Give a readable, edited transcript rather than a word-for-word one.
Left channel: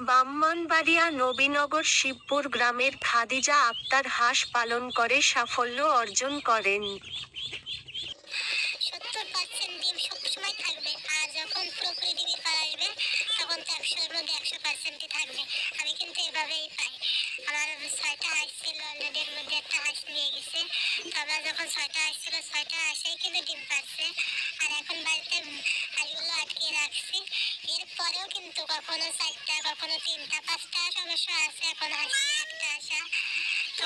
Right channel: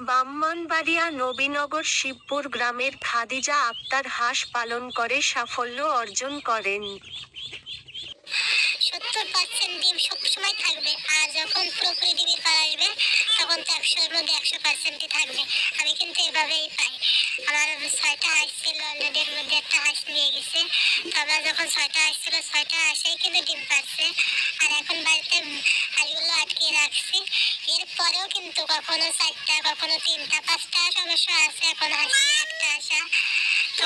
ব্রাহ্মণবাড়িয়া নবীনগর শিবপুর গ্রামের খাদিজা আক্তার হাঁস পালন করে সাফল্য অর্জন করেন। 70% ডিম সবসময় থাকবে, আর যখন পুরোপুরি ডিমের পাড়া আসবে তখন তো 100-এর মধ্যে 100%ই থাকবে। আমি কিন্তু এভাবেই পাই। আমার 6টা হাঁস ছিল, অলরেডি এর মধ্যে একটা হাঁস নিয়ে গেছে। তো আমরা যখন 6টা হাঁস ছিল, 6টা হাঁসেই কিন্তু ডিম পারছে। আর এখন বাড়িতে হাঁসগুলো আটকে রাখছি। এরপরেও কিন্তু কখনো 4টা, কখনো 3টা, 5টা হাঁস অবশ্য আছে, এখন হাঁস একটা আসা। তো